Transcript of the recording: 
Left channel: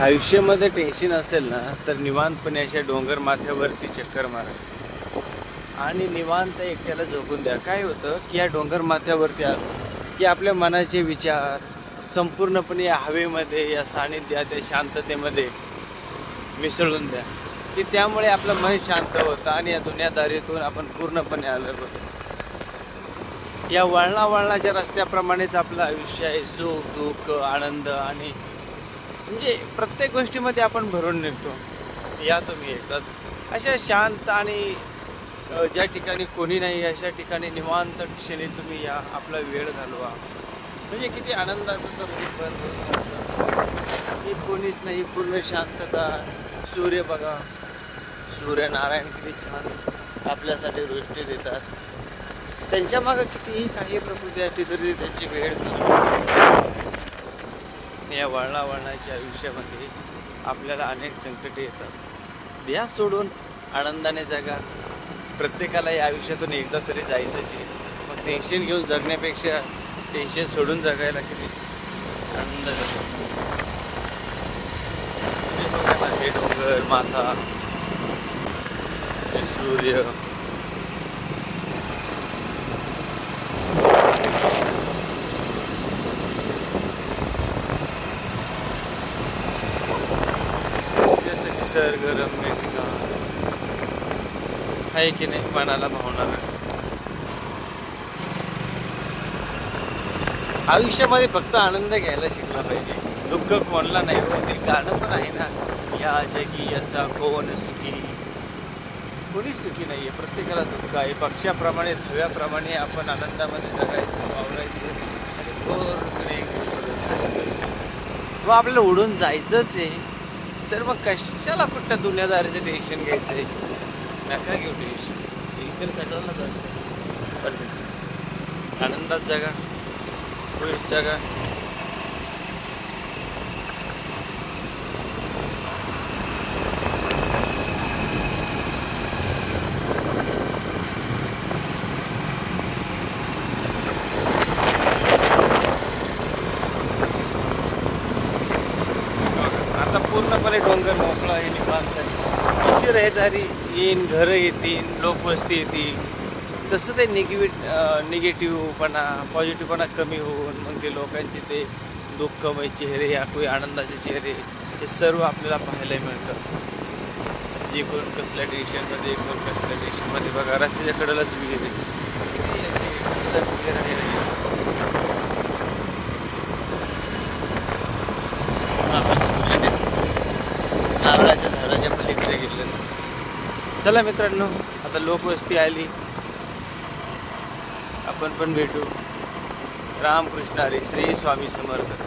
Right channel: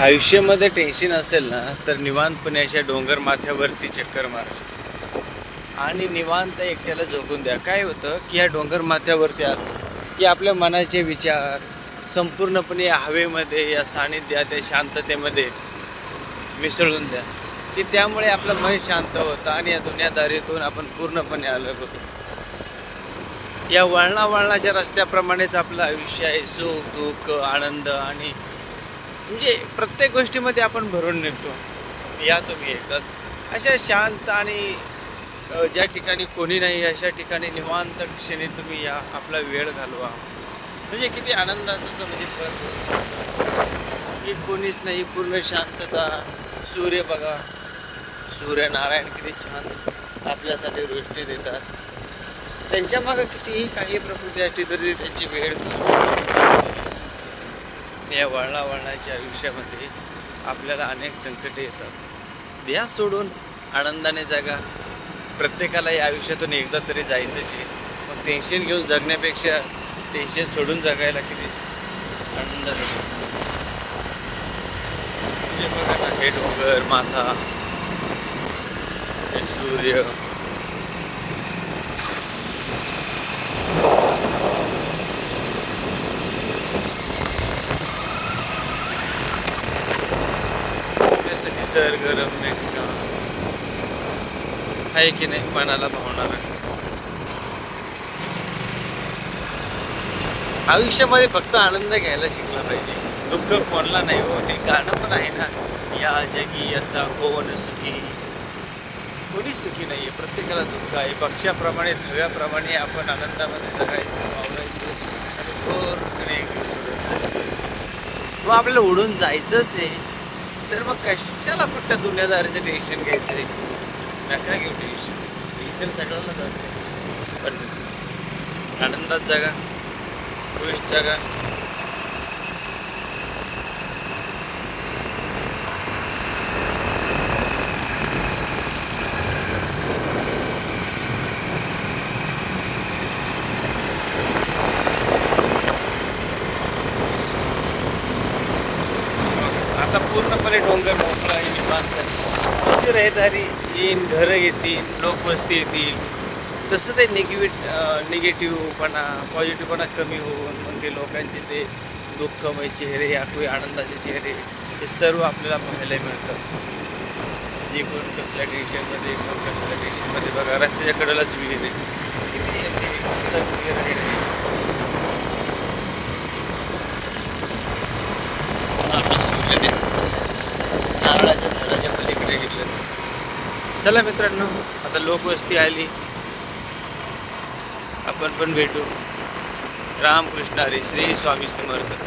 आयुष्यामध्ये टेन्शन असेल ना तर निवांतपणे अशा डोंगर माथ्यावरती चक्कर मारा आणि निवांत एकट्याला झोपून द्या. काय होतं की या डोंगर माथ्यावरती आलो की आपल्या मनाचे विचार संपूर्णपणे या हवेमध्ये, या सानिध्यात, या शांततेमध्ये मिसळून द्या की त्यामुळे आपलं मन शांत होतं आणि या दुनियादारीतून आपण पूर्णपणे अलग होतो. या वळणावळणाच्या रस्त्याप्रमाणेच आपलं आयुष्य आहे. सुख, दुःख, आनंद आणि म्हणजे प्रत्येक गोष्टीमध्ये आपण भरून निघतो. या तुम्ही एकदाच अशा शांत आणि ज्या ठिकाणी कोणी नाही अशा ठिकाणी निवांत क्षणी तुम्ही या आपला वेळ घालवा. म्हणजे किती आनंदाचं की कोणीच नाही, पूर्ण शांतता. सूर्य बघा, सूर्यनारायण किती छान आपल्यासाठी दृष्टी देतात. त्यांच्या मागं कितीही काही प्रकृती असली तरी त्यांची वेळ या वळणावळणाच्या आयुष्यामध्ये आपल्याला अनेक संकटे येतात. द्या सोडून, आनंदाने जगा. प्रत्येकाला या आयुष्यातून एकदा तरी जायचंच आहे. मग टेन्शन घेऊन जगण्यापेक्षा टेन्शन सोडून जगायला किती आनंद जातो. म्हणजे बघा ना, हे डोंगर माथा, हे सूर्य, निसर्गरम्य ठिकाण आहे की नाही, मनाला भावणार. आयुष्यामध्ये फक्त आनंद घ्यायला शिकला पाहिजे. दुःख कोणला नाही हो. ते गाणं पण आहे ना, या जगी असा कोण सुखी. कोणीच सुखी नाही आहे, प्रत्येकाला दुःख आहे. पक्षाप्रमाणे, धव्याप्रमाणे आपण आनंदामध्ये जगायचं, वावरायचं आणि पूर्णपणे व आपल्याला उडून जायचंच आहे. तर मग कशाला फक्त दुनियादारीचं टेन्शन घ्यायचं आहे. नका घेऊ टेन्शन. टेन्शन सगळ्यांना जाते, पण आनंदात जगा, खुश जगा. आता पूर्णपणे डोंगर मोकळा आहे, निवांत आहे. अशी रहदारी येईल, घरं येतील, लोकवस्ती येतील. तसं ते निगेटिव्हपणा, पॉझिटिव्हपणा कमी होऊन मग ते लोकांचे ते दुःखमय चेहरे, याकुळी आनंदाचे चेहरे, हे सर्व आपल्याला पाहायला मिळतं. जे कोण कसल्या टेन्शनमध्ये, कोण कसल्या टेन्शनमध्ये. बघा, रस्त्याच्या कडेलाच विहीर आहे. किती विहीर आहे. सूर्य नारळाच्या झाडाच्या पलीकडे घेतलं. चला मित्रांनो, आता लोकवस्ती आली, आपण पण भेटू. रामकृष्ण हरी. श्री स्वामी समर्थ.